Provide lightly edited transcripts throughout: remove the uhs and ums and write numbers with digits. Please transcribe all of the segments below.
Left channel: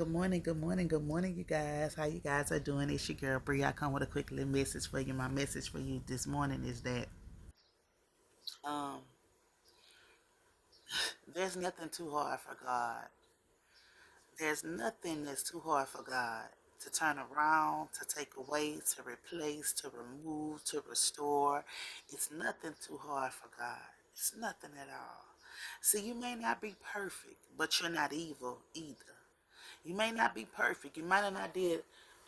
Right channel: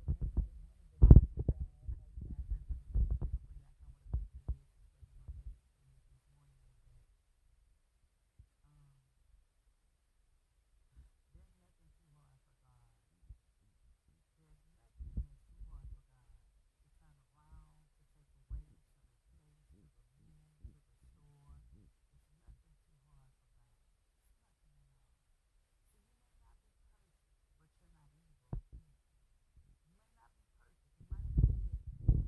Good morning, you guys. How you guys are doing? It's your girl Bree. I come with a quick little message for you. My message for you this morning is that um, there's nothing too hard for God. There's nothing that's too hard for God to turn around, to take away, to replace, to remove, to restore. It's nothing too hard for God. It's nothing at all. See, you may not be perfect, but you're not evil either. You may not be perfect. You might have not did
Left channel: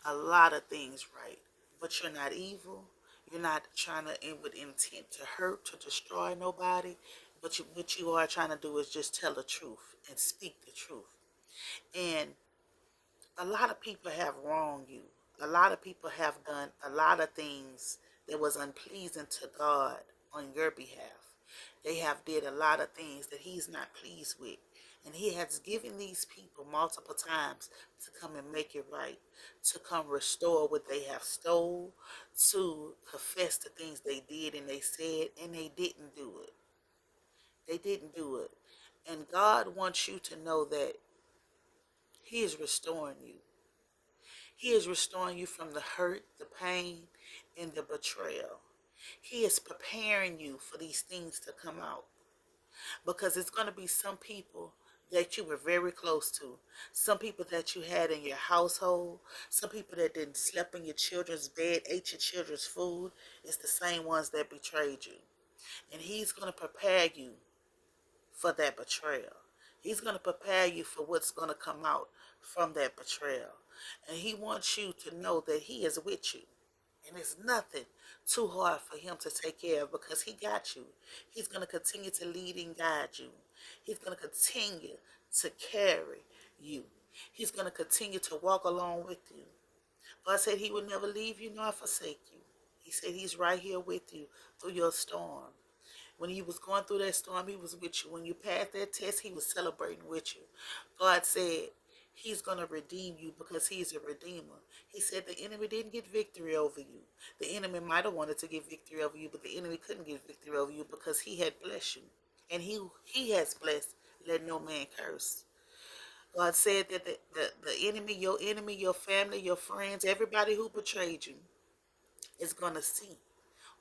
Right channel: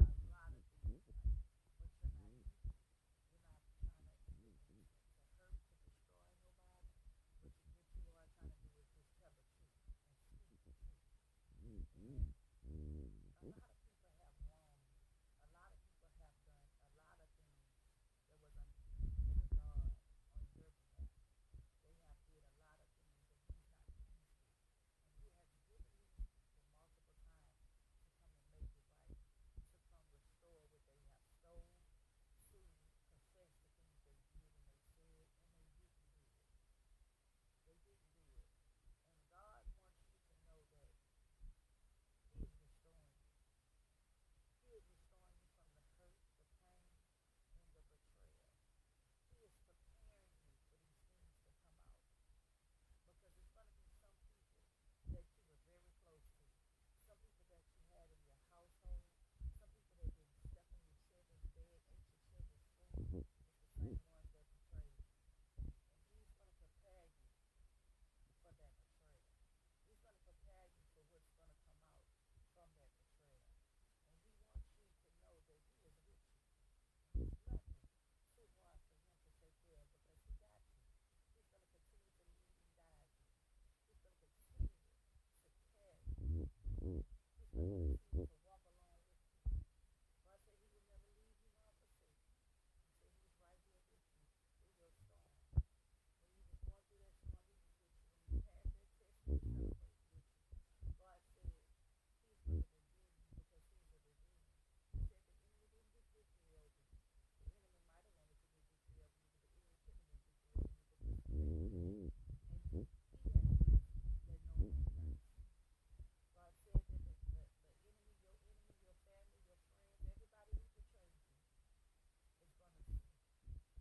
a lot of things right, but you're not evil. You're not trying to in with intent to hurt, to destroy nobody. But what you are trying to do is just tell the truth and speak the truth. And a lot of people have wronged you. A lot of people have done a lot of things that was unpleasing to God on your behalf. They have did a lot of things that he's not pleased with. And he has given these people multiple times to come and make it right, to come restore what they have stole, to confess the things they did and they said, and they didn't do it. They didn't do it. And God wants you to know that he is restoring you. He is restoring you from the hurt, the pain, and the betrayal. He is preparing you for these things to come out. Because it's going to be some people that you were very close to, some people that you had in your household, some people that didn't sleep in your children's bed, ate your children's food. It's the same ones that betrayed you. And he's going to prepare you for that betrayal. He's going to prepare you for what's going to come out from that betrayal. And he wants you to know that he is with you. And it's nothing too hard for him to take care of because he got you. He's going to continue to lead and guide you. He's going to continue to carry you. He's going to continue to walk along with you. God said he would never leave you nor forsake you. He said he's right here with you through your storm. When you was going through that storm, he was with you. When you passed that test, he was celebrating with you. God said he's going to redeem you because he's a redeemer. He said the enemy didn't get victory over you. The enemy might have wanted to get victory over you, but the enemy couldn't get victory over you because he had blessed you. And he has blessed. Let no man curse. God said that the enemy, your family, your friends, everybody who betrayed you is going to see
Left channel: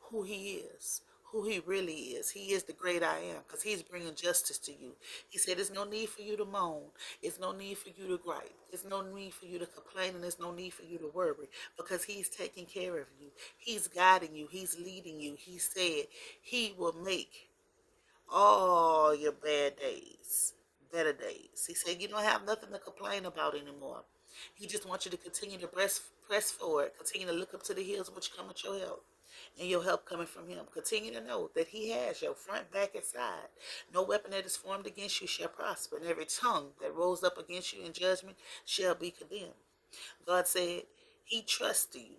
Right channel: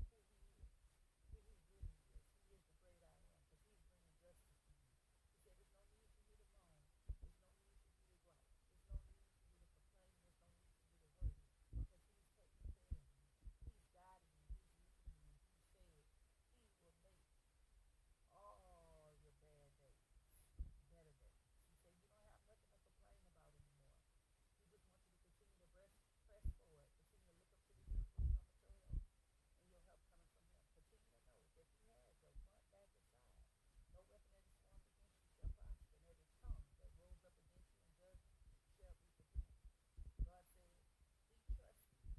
who he is, who he really is. He is the great I am because he's bringing justice to you. He said there's no need for you to moan. It's no need for you to gripe. There's no need for you to complain and there's no need for you to worry because he's taking care of you. He's guiding you. He's leading you. He said he will make all your bad days better days. He said you don't have nothing to complain about anymore. He just wants you to continue to press forward, continue to look up to the hills which come with your help and your help coming from him. Continue to know that he has your front, back, and side. No weapon that is formed against you shall prosper, and every tongue that rose up against you in judgment shall be condemned. God said he trusts you.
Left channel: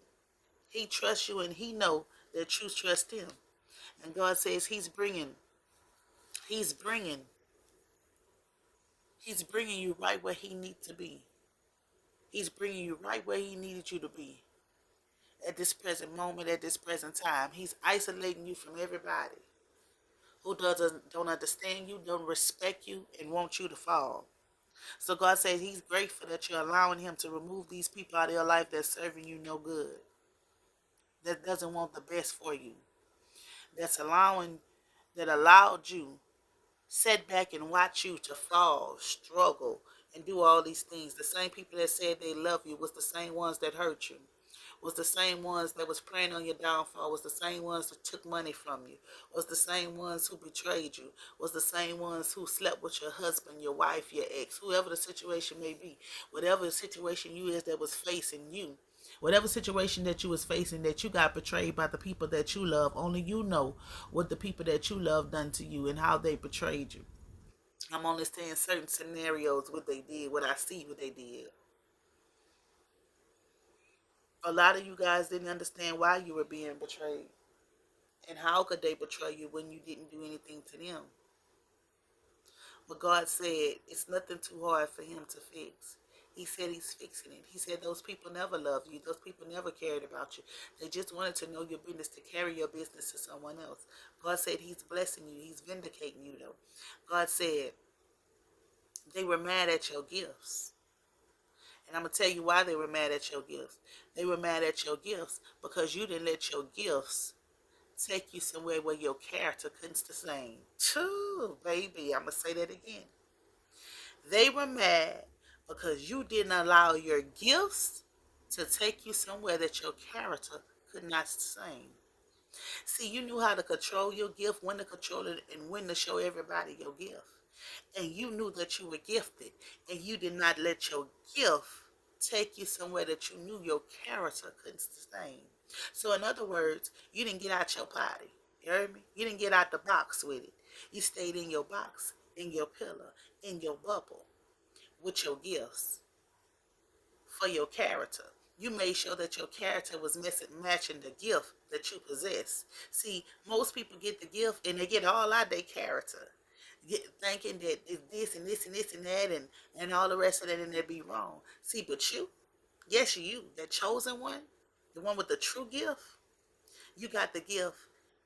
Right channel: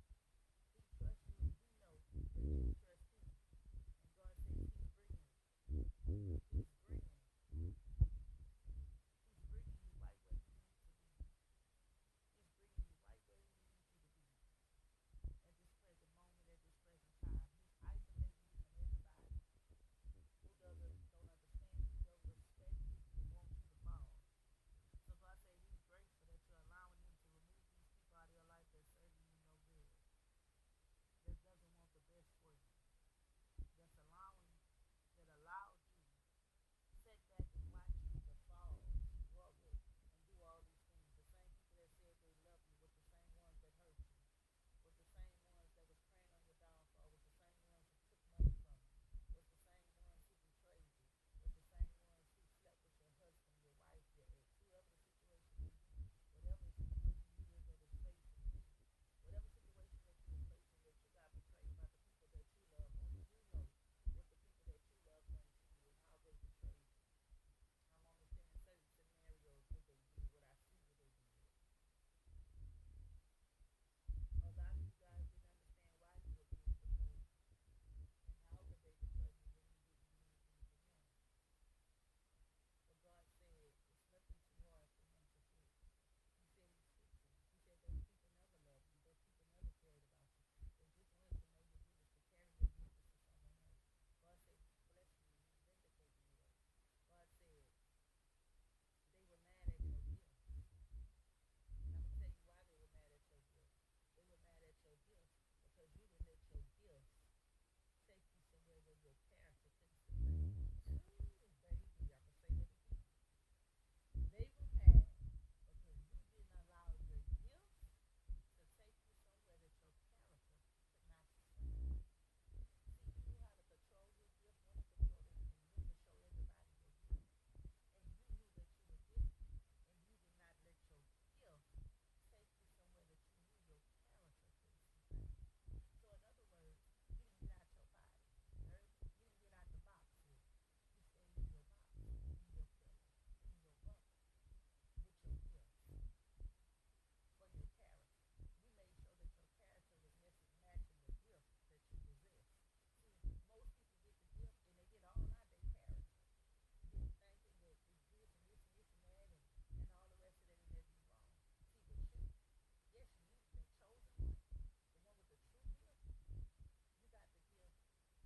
He trusts you, and he know that you trust him. And God says he's bringing, he's bringing you right where he needs to be. He's bringing you right where he needed you to be at this present moment, at this present time. He's isolating you from everybody who doesn't don't understand you, don't respect you, and want you to fall. So God says He's grateful that you're allowing Him to remove these people out of your life that's serving you no good, that doesn't want the best for you, that's that allowed you sit back and watch you to fall, struggle, and do all these things. The same people that said they love you was the same ones that hurt you. Was the same ones that was preying on your downfall, was the same ones that took money from you, was the same ones who betrayed you, was the same ones who slept with your husband, your wife, your ex, whoever the situation may be, whatever the situation you is that was facing you, whatever situation that you was facing that you got betrayed by the people that you love, only you know what the people that you love done to you and how they betrayed you. I'm only saying certain scenarios what they did, what I see what they did. A lot of you guys didn't understand why you were being betrayed. And how could they betray you when you didn't do anything to them? But God said it's nothing too hard for him to fix. He said he's fixing it. He said those people never loved you. Those people never cared about you. They just wanted to know your business, to carry your business to someone else. God said he's blessing you. He's vindicating you though. God said they were mad at your gifts. I'm going to tell you why they were mad at your gifts. They were mad at your gifts because you didn't let your gifts take you somewhere where your character couldn't sustain. Too, baby. I'm going to say that again. They were mad because you didn't allow your gifts to take you somewhere that your character could not sustain. See, you knew how to control your gift, when to control it, and when to show everybody your gift. And you knew that you were gifted, and you did not let your gift take you somewhere that you knew your character couldn't sustain. So, in other words, you didn't get out your potty. You heard me? You didn't get out the box with it. You stayed in your box, in your pillar, in your bubble, with your gifts for your character. You made sure that your character was matching the gift that you possess. See, most people get the gift and they get all out their character, thinking that it's this and this and this and that and all the rest of that, and they be wrong. See, but you, yes, you, that chosen one, the one with the true gift, you got the gift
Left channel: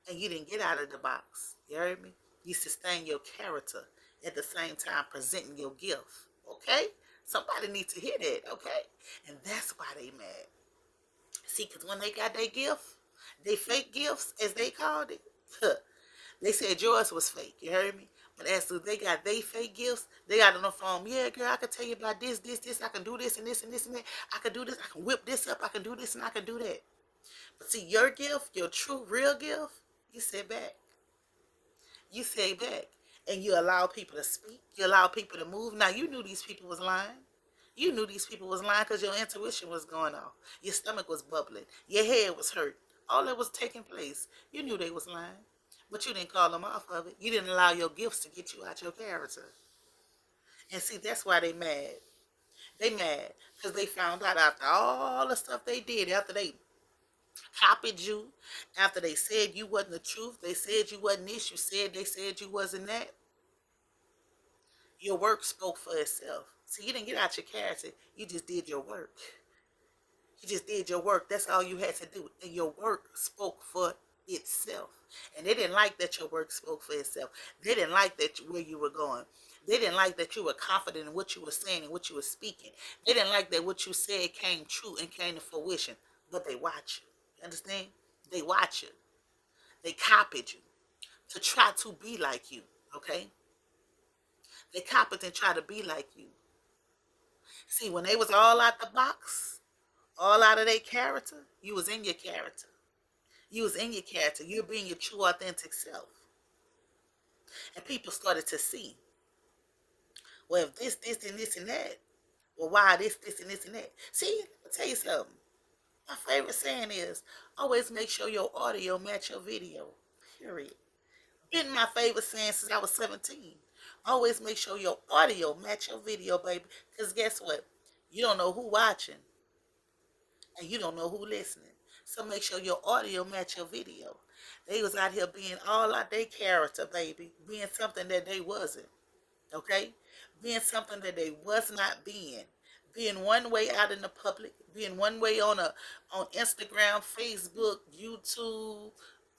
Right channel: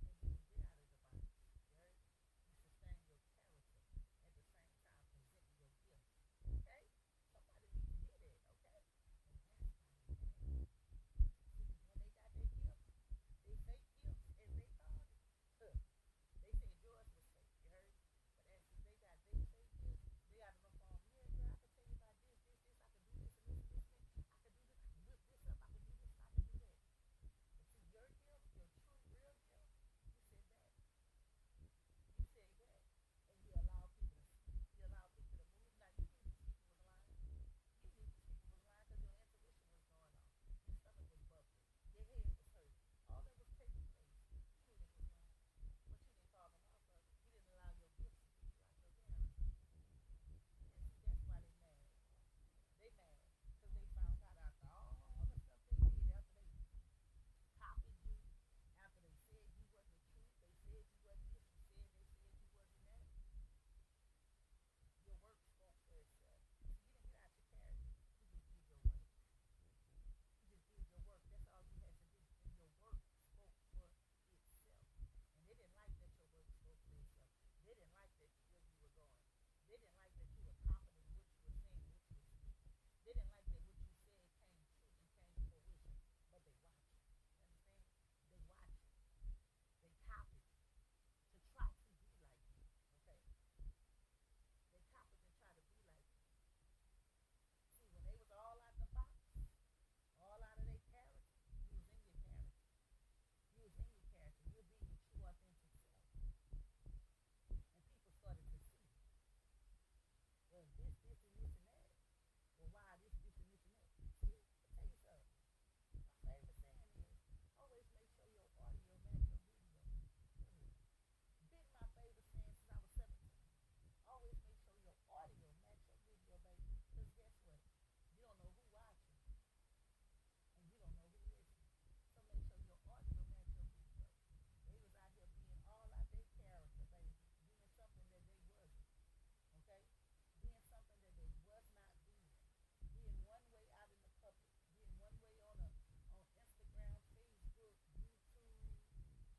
and you didn't get out of the box. You heard me? You sustain your character at the same time presenting your gift. Okay? Somebody needs to hear that, okay? And that's why they mad. See, because when they got their gift, they fake gifts, as they called it, they said yours was fake. You heard me? But as soon as they got they fake gifts, they got on the phone. Yeah, girl, I can tell you about this, this, this. I can do this and this and this and that. I can do this. I can whip this up. I can do this and I can do that. But see, your gift, your true, real gift, you sit back. You sit back. And you allow people to speak. You allow people to move. Now, you knew these people was lying. You knew these people was lying because your intuition was going off. Your stomach was bubbling. Your head was hurt. All that was taking place. You knew they was lying. But you didn't call them off of it. You didn't allow your gifts to get you out your character. And see, that's why they mad. They mad because they found out after all the stuff they did, after they copied you, after they said you wasn't the truth, they said you wasn't this, they said you wasn't that. Your work spoke for itself. See, you didn't get out your character. You just did your work. You just did your work. That's all you had to do. And your work spoke for itself. And they didn't like that your work spoke for itself. They didn't like that where you were going. They didn't like that you were confident in what you were saying and what you were speaking. They didn't like that what you said came true and came to fruition. But they watch you. You understand? They watch you. They copied you to try to be like you. Okay? They copied and try to be like you. See, when they was all out the box, all out of their character, you was in your character. You was in your character. You're being your true, authentic self. And people started to see, well, if this, and this, and that, well, why this, and this, and that? See, I'll tell you something. My favorite saying is, always make sure your audio match your video. Period. Been my favorite saying since I was 17. Always make sure your audio match your video, baby. Because guess what? You don't know who watching. And you don't know who listening. So make sure your audio match your video. They was out here being all out their character, baby. Being something that they wasn't. Okay? Being something that they was not being. Being one way out in the public. Being one way on Instagram, Facebook, YouTube,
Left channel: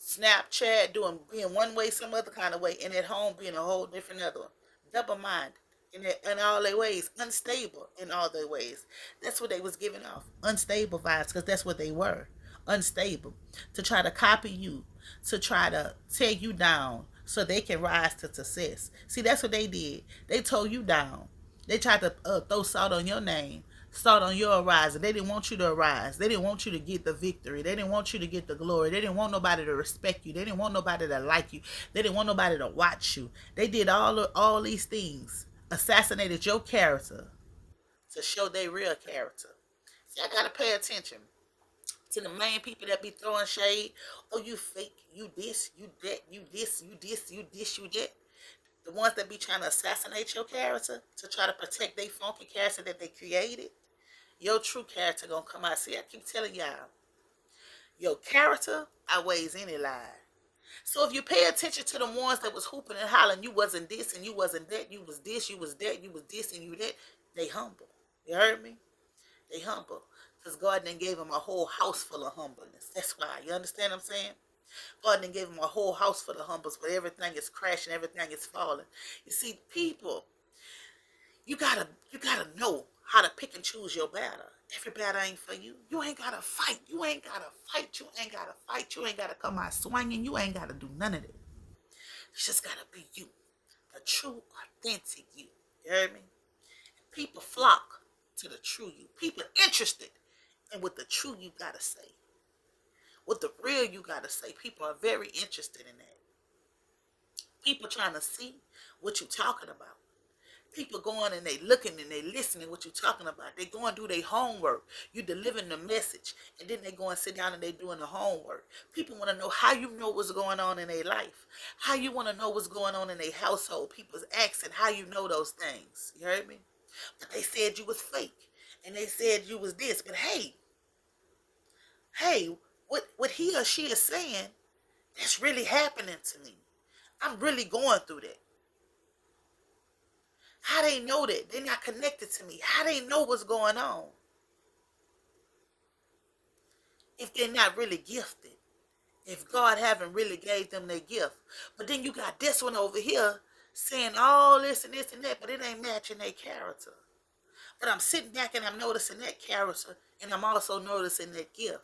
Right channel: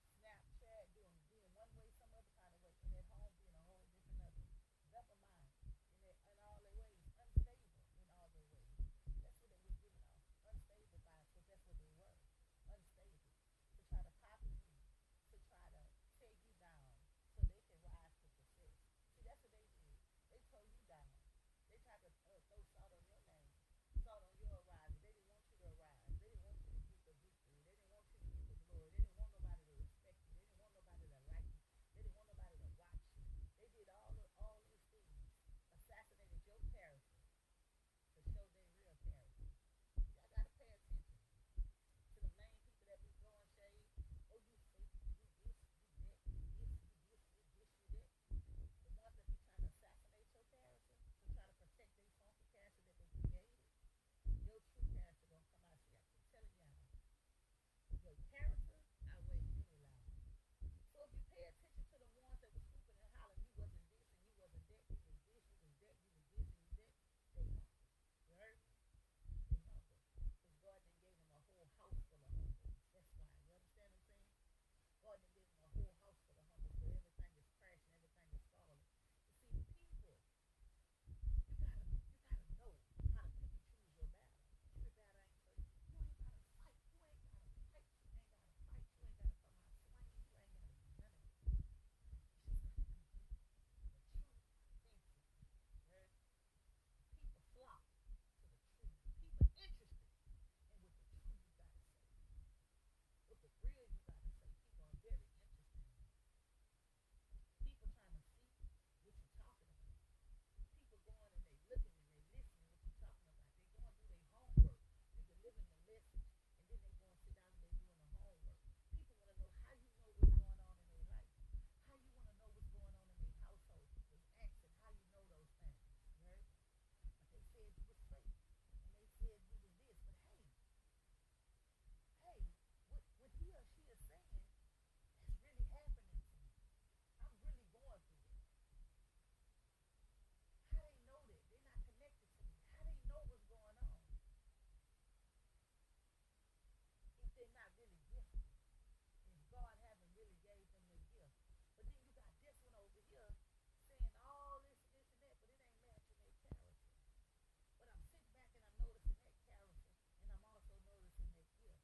Snapchat, being one way some other kind of way, and at home being a whole different other one. Double minded in all their ways, unstable in all their ways. That's what they was giving off, unstable vibes, because that's what they were, unstable. To try to copy you, to try to tear you down, so they can rise to success. See, that's what they did. They tore you down. They tried to throw salt on your name, salt on your arising. They didn't want you to arise. They didn't want you to get the victory. They didn't want you to get the glory. They didn't want nobody to respect you. They didn't want nobody to like you. They didn't want nobody to watch you. They did all these things, assassinated your character to show their real character. See, I gotta pay attention to the main people that be throwing shade. Oh, you fake, you this, you that, you this, you this, you this, you that. The ones that be trying to assassinate your character to try to protect their funky character that they created. Your true character gonna come out. See, I keep telling y'all, your character outweighs any lie. So if you pay attention to the ones that was hooping and hollering, you wasn't this and you wasn't that, you was this, you was that, you was this and you that, they humble. You heard me? They humble. Because God then gave them a whole house full of humbleness. That's why. You understand what I'm saying? God then gave them a whole house full of humbles, but everything is crashing, everything is falling. You see, people, You gotta know how to pick and choose your battle. Every battle ain't for you. You ain't gotta fight. You ain't gotta fight. You ain't gotta fight. You ain't gotta come out swinging. You ain't gotta do none of that. You just gotta be you, a true, authentic you. You hear me? People flock to the true you. People interested in what the true you gotta say. What the real you gotta say. People are very interested in that. People trying to see what you talking about. People going and they looking and they listening what you talking about. They going to do their homework. You delivering the message, and then they go and sit down and they doing the homework. People want to know how you know what's going on in their life, how you want to know what's going on in their household. People's asking how you know those things. You heard me? But they said you was fake, and they said you was this. But hey, what he or she is saying, that's really happening to me. I'm really going through that. How they know that? They're not connected to me. How they know what's going on? If they're not really gifted. If God haven't really gave them their gift. But then you got this one over here saying all this and this and that, but it ain't matching their character. But I'm sitting back and I'm noticing that character, and I'm also noticing that gift.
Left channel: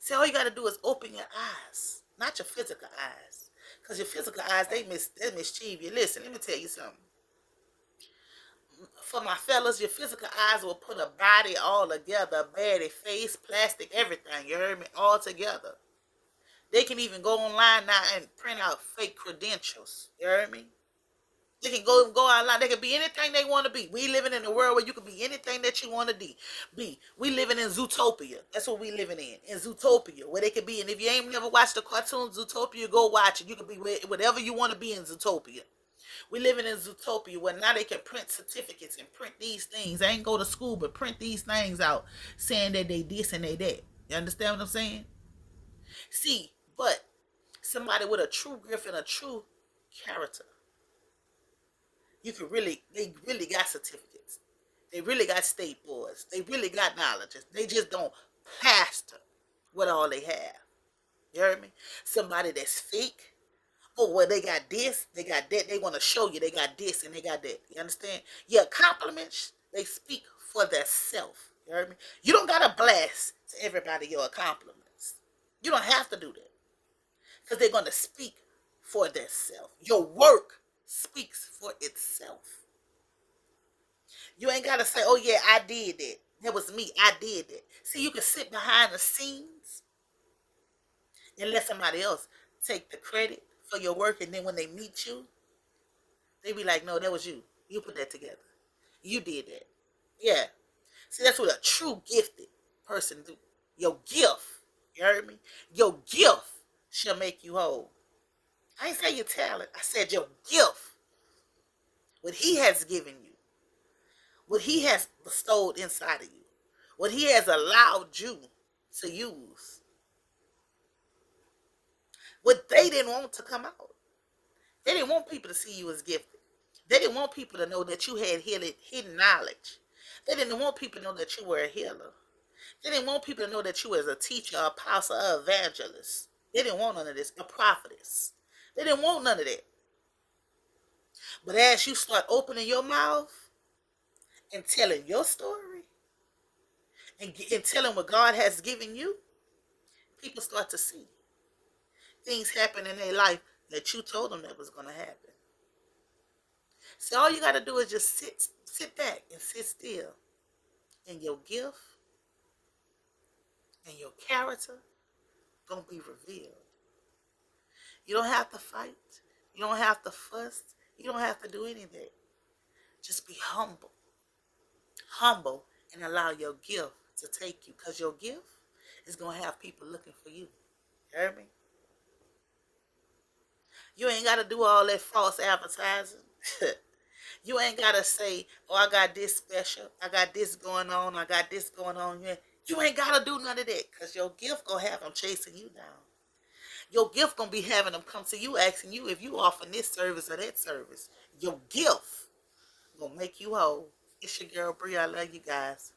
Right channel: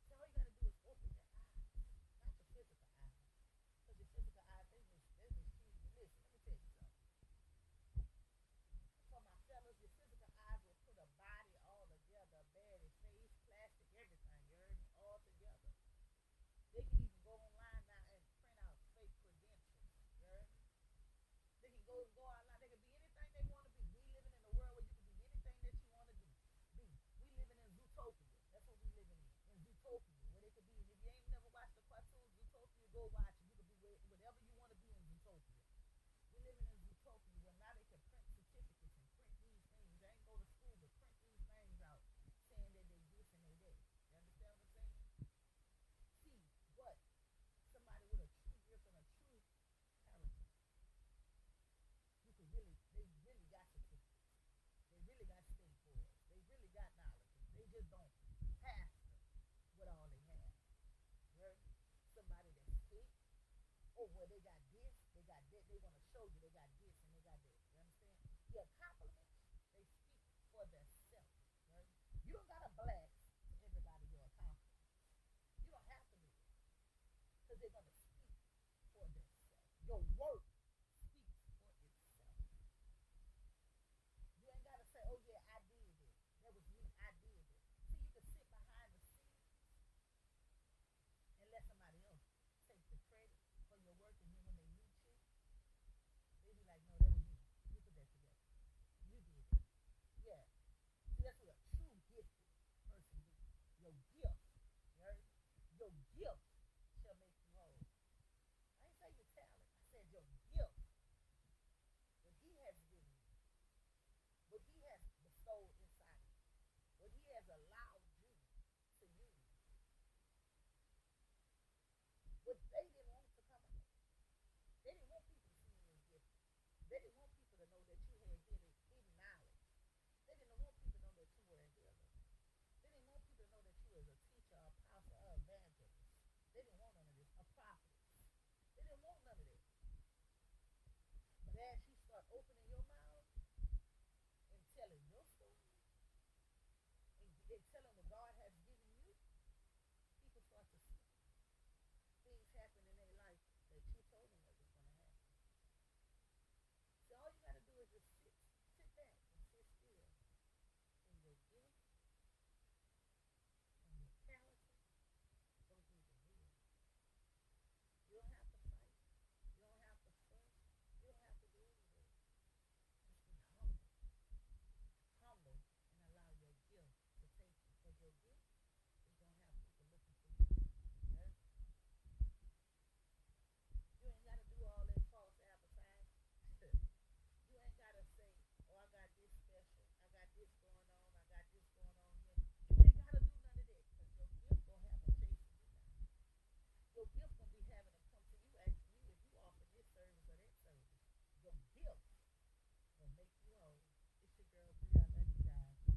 See, all you got to do is open your eyes, not your physical eyes. Because your physical eyes, they mischieve you. Listen, let me tell you something. For my fellas, your physical eyes will put a body all together, a body, face, plastic, everything. You heard me? All together. They can even go online now and print out fake credentials. You heard me? They can go online. They can be anything they want to be. We living in a world where you can be anything that you want to be. We living in Zootopia. That's what we living in Zootopia, where they can be. And if you ain't never watched the cartoon Zootopia, go watch it. You can be whatever you want to be in Zootopia. We living in Zootopia where now they can print certificates and print these things. They ain't go to school, but print these things out saying that they this and they that. You understand what I'm saying? See, but somebody with a true gift and a true character, they really got certificates. They really got state boards. They really got knowledge. They just don't plaster what all they have. You heard me? Somebody that's fake. Oh, well, they got this, they got that. They want to show you they got this and they got that. You understand? Your compliments, they speak for their self. You heard me? You don't got to blast to everybody your compliments. You don't have to do that. Because they're going to speak for their self. Your work speaks for itself. You ain't got to say, oh, yeah, I did that. That was me. I did that. See, you can sit behind the scenes and let somebody else take the credit for your work, and then when they meet you, they be like, no, that was you. You put that together. You did that. Yeah. See, that's what a true gifted person do. Your gift, you heard me? Your gift shall make you whole. I ain't say your talent. I said your gift. What he has given you. What he has bestowed inside of you. What he has allowed you to use. What they didn't want to come out. They didn't want people to see you as gifted. They didn't want people to know that you had hidden knowledge. They didn't want people to know that you were a healer. They didn't want people to know that you were a teacher, apostle, or evangelist. They didn't want none of this. A prophetess. They didn't want none of that. But as you start opening your mouth and telling your story and telling what God has given you, people start to see things happen in their life that you told them that was going to happen. So all you got to do is just sit back and sit still. And your gift and your character going to be revealed. You don't have to fight. You don't have to fuss. You don't have to do any of that. Just be humble. Humble and allow your gift to take you. Because your gift is going to have people looking for you. You heard me? You ain't got to do all that false advertising. You ain't got to say, oh, I got this special. I got this going on. I got this going on. You ain't got to do none of that. Because your gift going to have them chasing you down. Your gift going to be having them come to you asking you if you offer this service or that service. Your gift going to make you whole. It's your girl, Bree. I love you guys.